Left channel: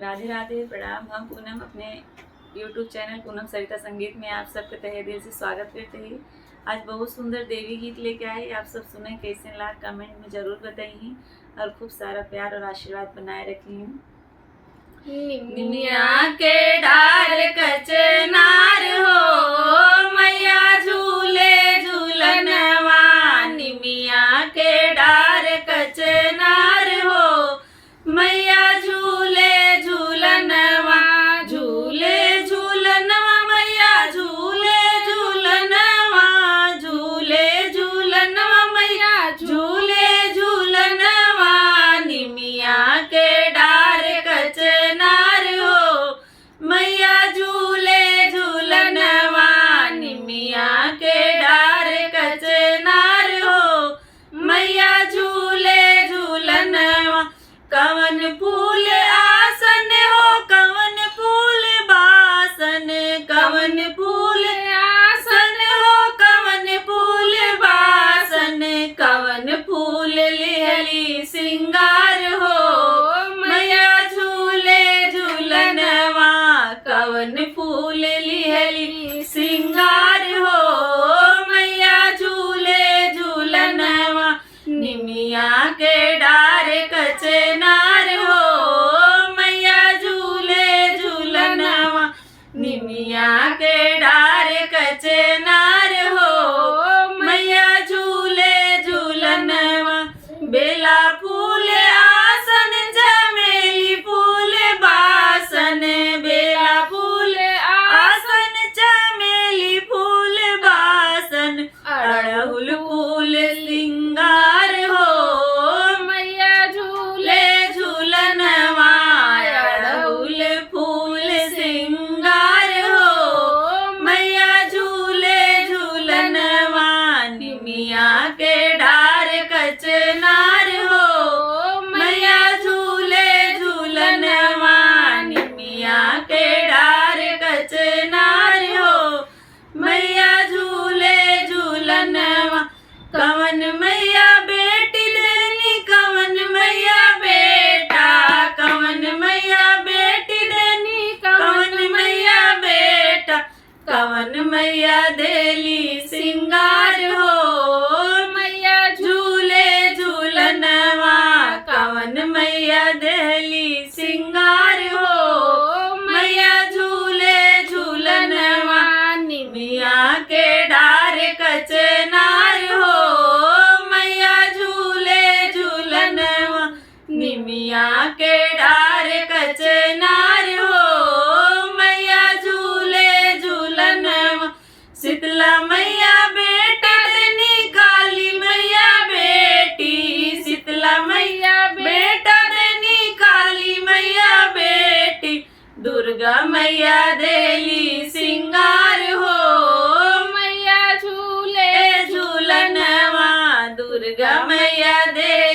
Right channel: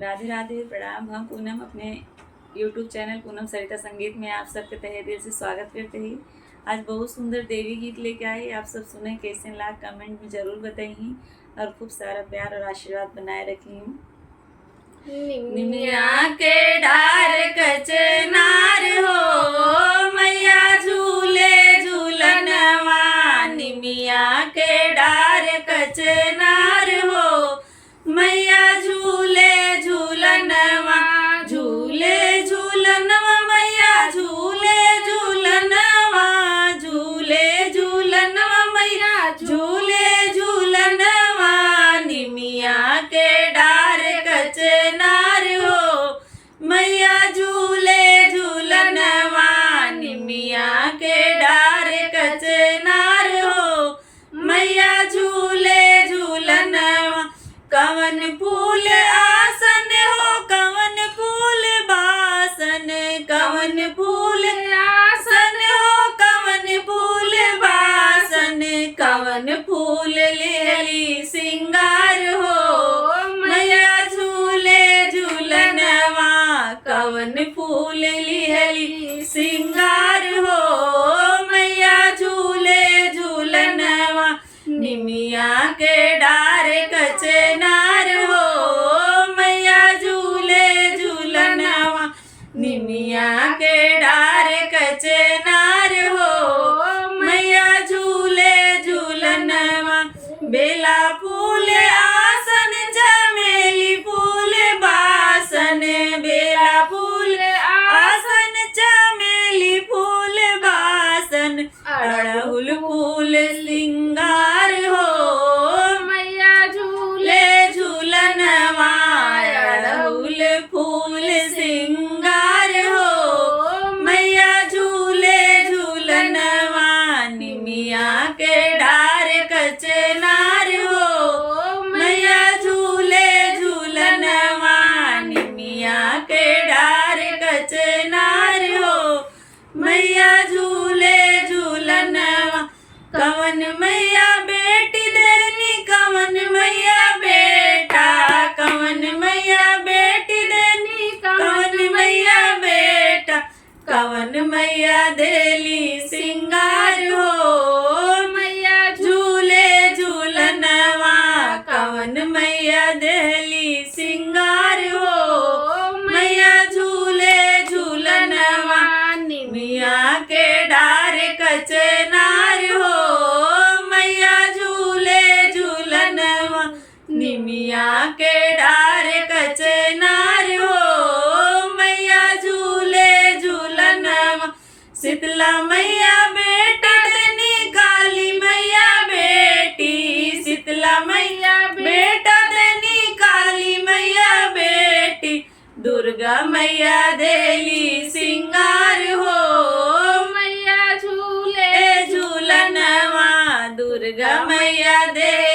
राधे राधे, प्रणाम। हम पूनम अपने YouTube चैनल पूनम सरिता संगीत में आप सबके तहे दिल से स्वागत करते हैं। आज बहुत सुंदर देवी गीत लेके आए, आप सब सुने कैसे ला कमेंट में ज़रूर बताइए और खूब सारा प्यार और आशीर्वाद बनाए रखिए। निमिया के डार कचनार हो मैया झूले झूलनवा, निमिया के डार कचनार हो मैया झूले झूलनवा, झूले झूलनवा मैया झूले झूलनवा, झूले झूलनवा मैया झूले झूलनवा, निमिया के डार कचनार हो मैया झूले झूलनवा, निमिया के डार कचनार हो मैया झूले झूलनवा। कवन फूल आसन हो कवन फूल बासन, कवन फूल आसन हो कवन फूल बासन, कवन फूल लेहली सिंगार हो मैया झूले झूलनवा, कवन फूल लेहली सिंगार हो मैया झूले झूलनवा, निमिया के डार कचनार हो मैया झूले झूलनवा, निमिया के डार कचनार हो मैया झूले झूलनवा। बेला फूल आसन चमेली फूल बासन, बेला फूल आसन चमेली फूल बासन, अड़हुल फूल सिंगार हो मैया झूले झूलनवा, अड़हुल फूल सिंगार हो मैया झूले झूलनवा, निमिया के डार कचनार हो मैया झूले झूलनवा, निमिया के डार कचनार हो मैया झूले झूलनवा। कवन मैया बेटी देनी कवन मैया बेटा, कवन मैया बेटी देनी कवन मैया बेटा, कवन मैया देली सिंगार हो मैया झूले झूलनवा, कवन मैया देली सिंगार हो मैया झूले झूलनवा, निमिया के डार कचनार हो मैया झूले झूलनवा, निमिया के डार कचनार हो मैया झूले झूलनवा। शीतला मैया बेटा देनी काली मैया बेटी, शीतला मैया बेटा देनी काली मैया बेटी, दुर्गा मैया देली सिंगार हो मैया झूले झूलनवा, दुर्गा मैया दे